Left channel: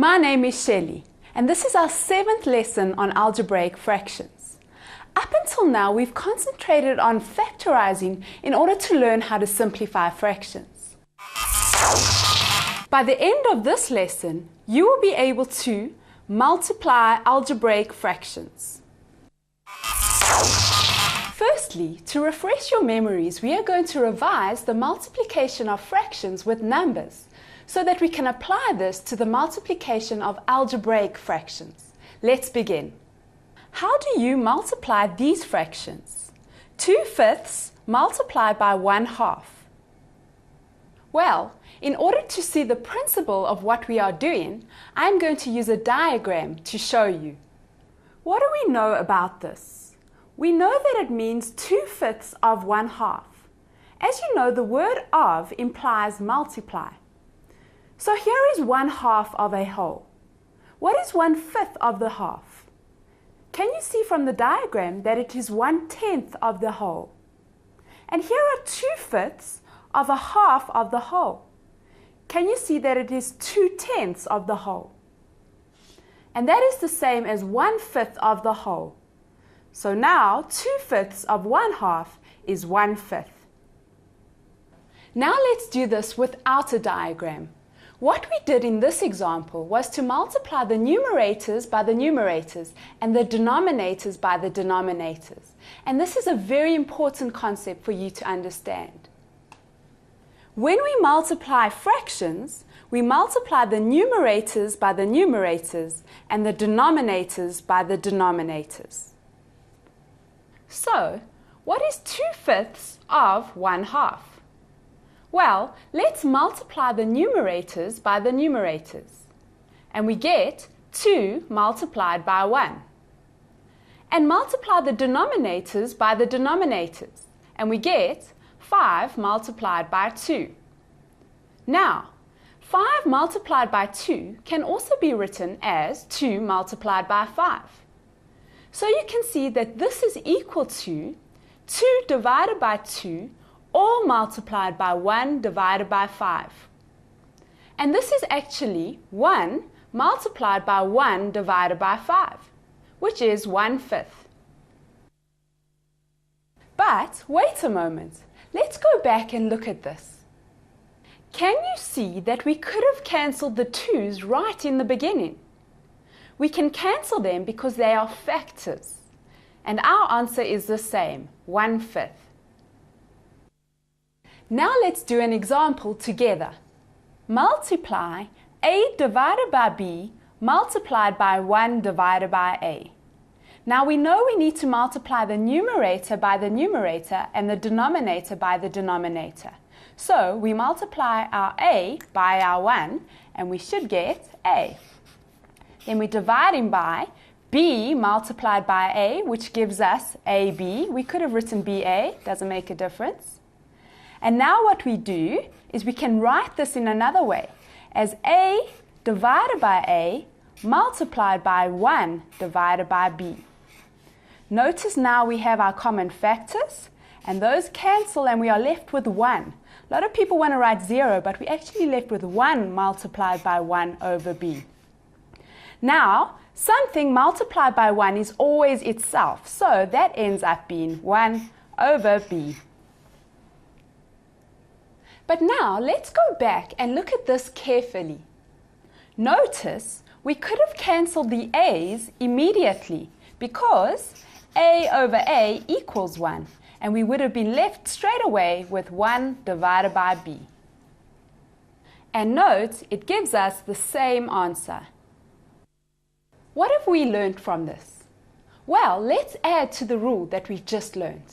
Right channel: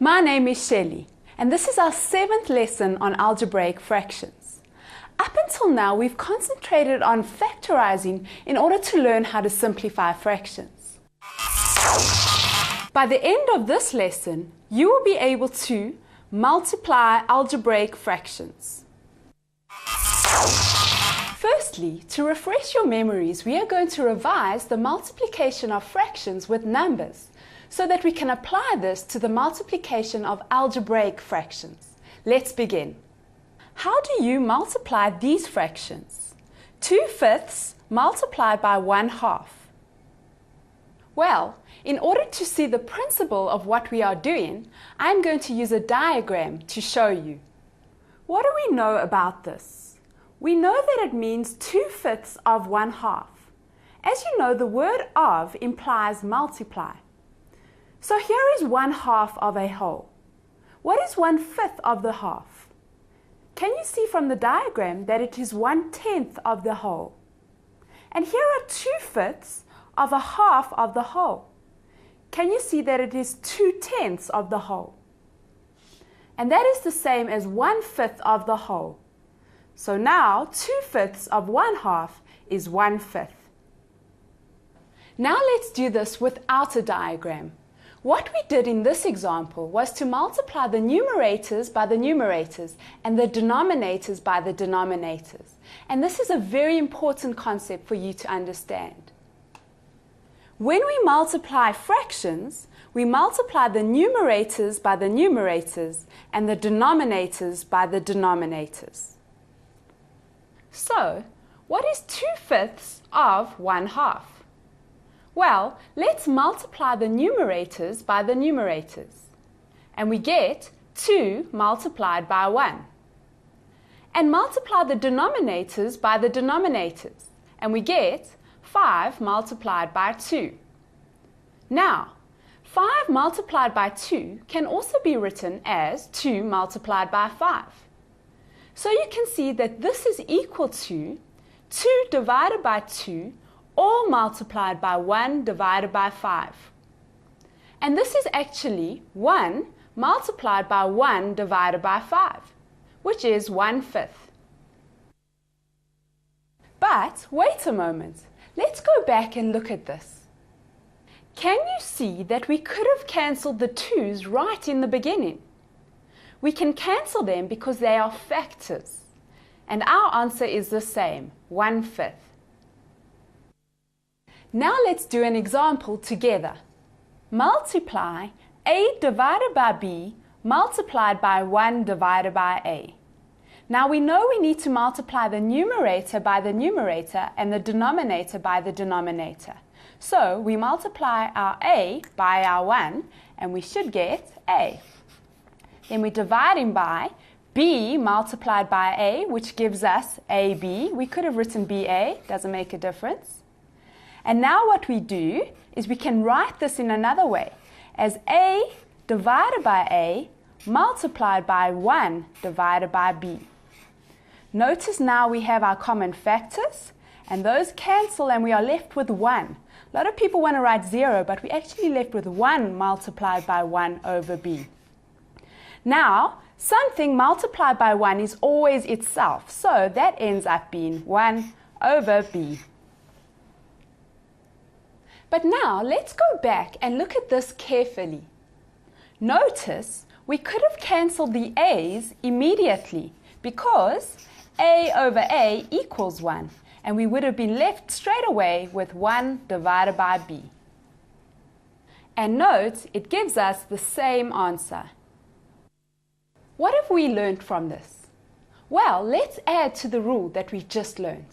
My name is Shelley, and this is our 7th lesson on algebraic fractions. Up until now, we've concentrated on factorizing in order to learn how to simplify fractions. By the end of this lesson, you will be able to multiply algebraic fractions. Firstly, to refresh your memories, we are going to revise the multiplication of fractions with numbers so that we can apply this to the multiplication of algebraic fractions. Let's begin. How do you multiply these fractions? 2/5 multiplied by 1/2. Well, in order to see the principle of what we are doing, I'm going to use a diagram to show you. What do we know about this? We know that it means 2/5 of 1/2. As you know, the word of implies multiply. So here is 1/2 of a whole. What is 1/5 of the half? Can you see from the diagram that it is 1/10 of the whole? And here are 2/5 of a half of the whole. Can you see that it is 2/10 of the whole? And that is the same as 1/5 of the whole. So now 2/5 of 1/2 is 1/5. Now let's do this without a diagram. What we did in this example was to multiply the numerators by the numerators and the denominators by the denominators. And this is a very important concept for you to understand. When we multiply fractions, we multiply the numerators by the numerators and the denominators by the denominators. So, what is 2/5 of 1/2? Well, let's multiply the numerators by the numerators. And we get 2 multiplied by 1. And multiply the denominators by the denominators. And we get 5 multiplied by 2. Now, 5 multiplied by 2 can also be written as 2 multiplied by 5. So you can see that this is equal to 2 divided by 2 all multiplied by 1 divided by 5. And this is actually 1 multiplied by 1 divided by 5, which is 1/5. But wait a moment, let's go back and look at this. Can you see that we could have cancelled the 2's right in the beginning? We can cancel them because they are factors. And our answer is the same, 1/5. Now let's do an example together. Multiply a divided by b multiplied by 1 divided by a. Now we know we need to multiply the numerator by the numerator and the denominator by the denominator. So we multiply our a by our 1 and we should get a. Then we're dividing by b multiplied by a, which gives us ab. We could have written ba, doesn't make a difference. And now what we do is we can write this in another way as a divided by a multiplied by 1 divided by b. Notice now we have our common factors and those cancel and we are left with 1. A lot of people want to write 0, but we're actually left with 1 multiplied by 1 over b. Now, something multiplied by 1 is always itself, so that ends up being 1 over b. But now let's go back and look at this carefully. Notice we could have cancelled the a's immediately because a over a equals 1 and we would have been left straight away with 1 divided by b. And note it gives us the same answer. What have we learned from this? Well, let's add to the rule that we just learned.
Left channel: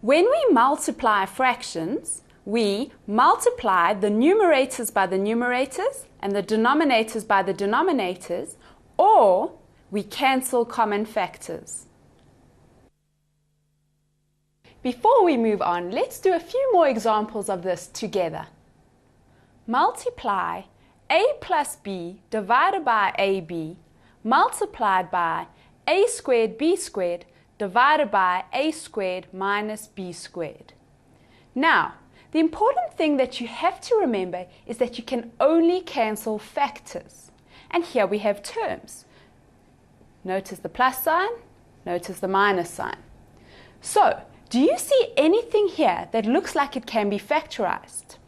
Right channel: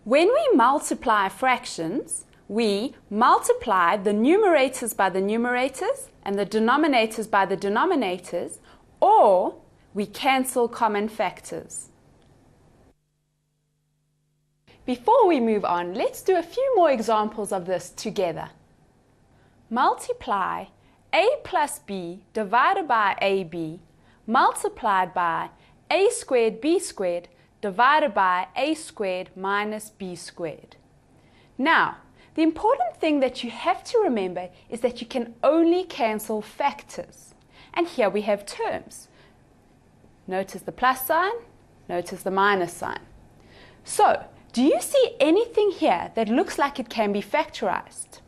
When we multiply fractions, we multiply the numerators by the numerators and the denominators by the denominators, or we cancel common factors. Before we move on, let's do a few more examples of this together. Multiply a plus b divided by ab multiplied by a squared b squared divided by a squared minus b squared. Now, the important thing that you have to remember is that you can only cancel factors. and here we have terms. Notice the plus sign, notice the minus sign. So, do you see anything here that looks like it can be factorized?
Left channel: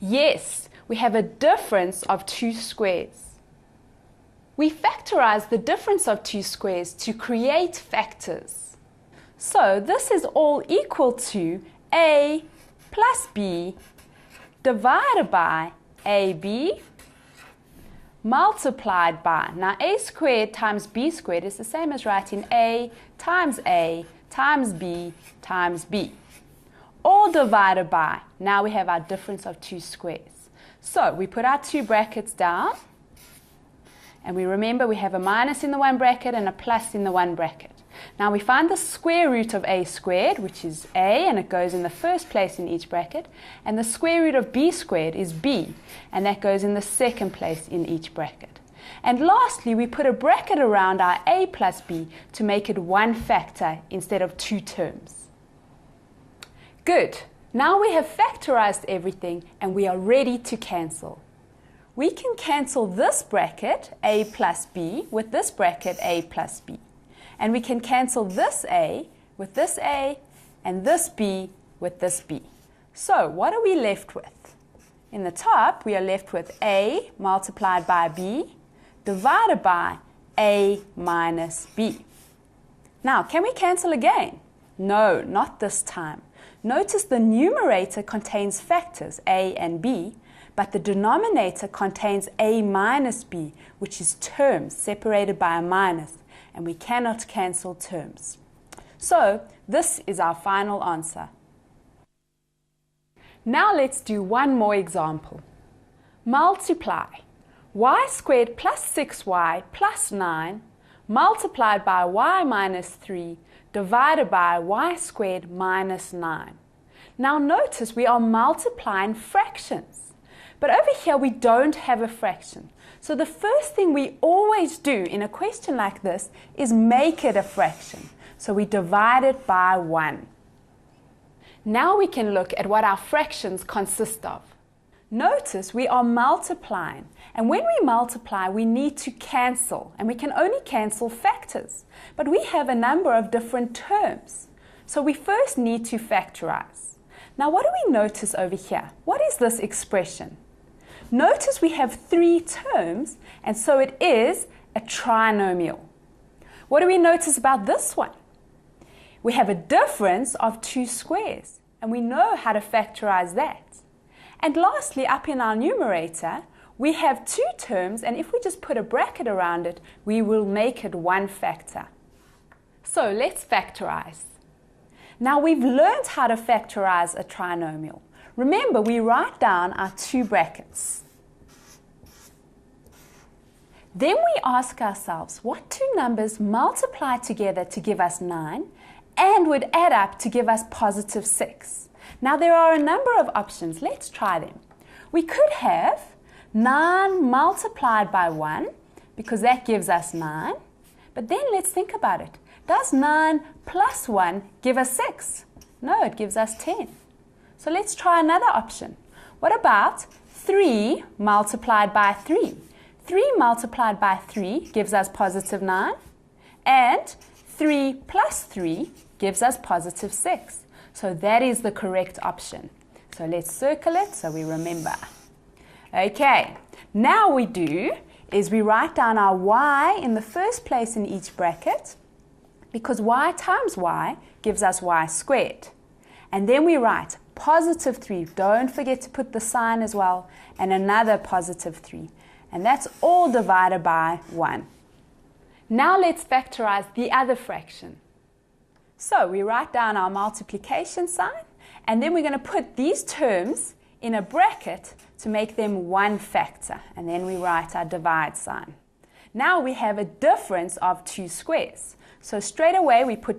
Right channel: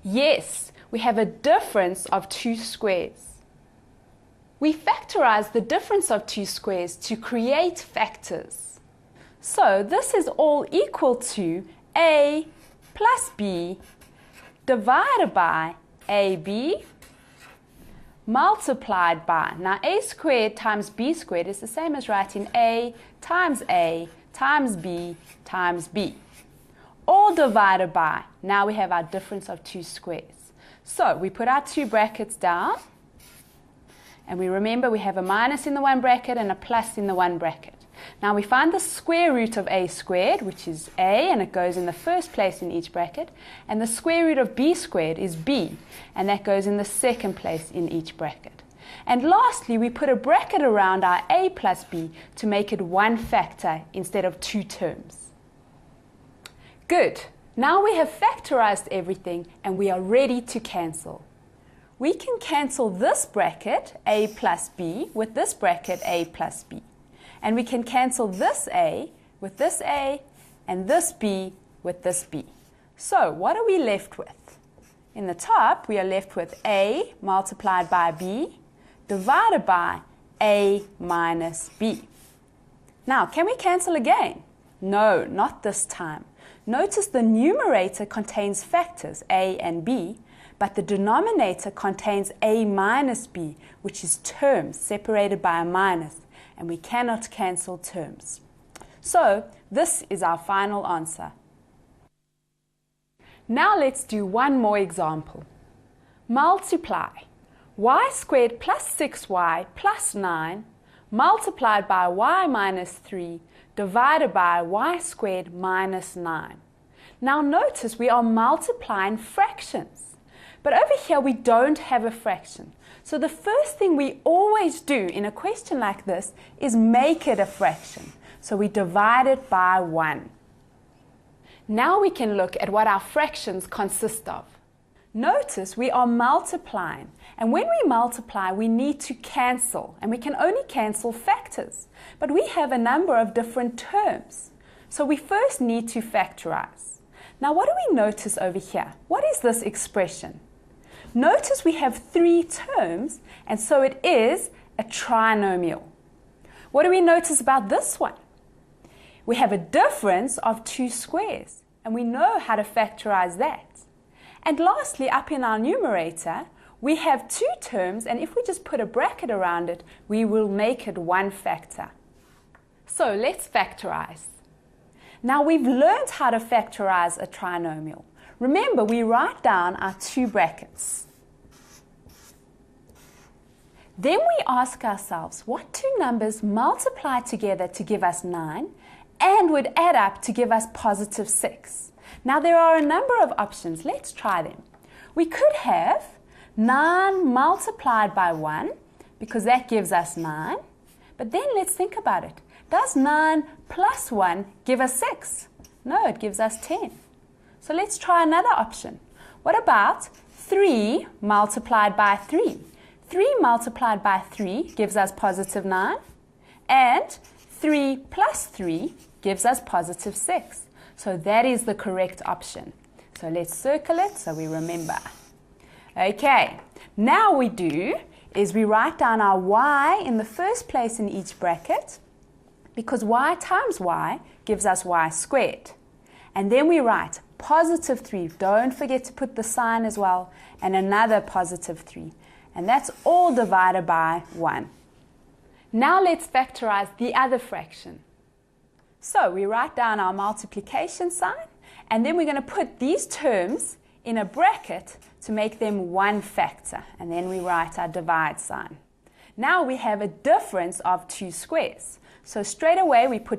Yes, we have a difference of 2 squares. We factorize the difference of 2 squares to create factors. So this is all equal to a plus b divided by ab multiplied by, now a squared times b squared is the same as writing a times b times b. All divided by, now we have our difference of 2 squares. So we put our 2 brackets down, and we remember we have a minus in the one bracket and a plus in the one bracket. Now we find the square root of a squared, which is a, and it goes in the first place in each bracket, and the square root of b squared is b, and that goes in the second place in each bracket. And lastly, we put a bracket around our a plus b to make it one factor instead of 2 terms. Good. Now we have factorized everything and we are ready to cancel. We can cancel this bracket, a plus b, with this bracket, a plus b. And we can cancel this a with this a and this b with this b. So what are we left with? In the top, we are left with a multiplied by b divided by a minus b. Now, can we cancel again? No, not this time. Notice the numerator contains factors a and b, but the denominator contains a minus b, which is terms separated by a minus, and we cannot cancel terms. So, this is our final answer. Now let's do one more example. Multiply y squared plus 6y plus 9 multiplied by y minus 3 divided by y squared minus 9. Now notice we are multiplying fractions. But over here we don't have a fraction. So the first thing we always do in a question like this is make it a fraction. So we divide it by 1. Now we can look at what our fractions consist of. Notice we are multiplying. And when we multiply, we need to cancel. And we can only cancel factors. But we have a number of different terms. So we first need to factorize. Now what do we notice over here? What is this expression? Notice we have 3 terms, and so it is a trinomial. What do we notice about this one? We have a difference of 2 squares, and we know how to factorize that. And lastly, up in our numerator, we have 2 terms, and if we just put a bracket around it, we will make it one factor. So let's factorize. Now we've learned how to factorize a trinomial. Remember, we write down our 2 brackets. Then we ask ourselves, what 2 numbers multiply together to give us 9 and would add up to give us positive 6? Now there are a number of options. Let's try them. We could have 9 multiplied by 1, because that gives us 9. But then let's think about it. Does 9 plus 1 give us 6? No, it gives us 10. So let's try another option. What about 3 multiplied by 3? 3 multiplied by 3 gives us positive 9. And 3 plus 3 gives us positive 6. So that is the correct option. So let's circle it so we remember. Okay, now we do is we write down our y in the first place in each bracket, because y times y gives us y squared. And then we write positive 3. Don't forget to put the sign as well. And another positive 3. And that's all divided by 1. Now let's factorize the other fraction. So we write down our multiplication sign. And then we're going to put these terms in a bracket to make them one factor. And then we write our divide sign. Now we have a difference of 2 squares. So straight away we put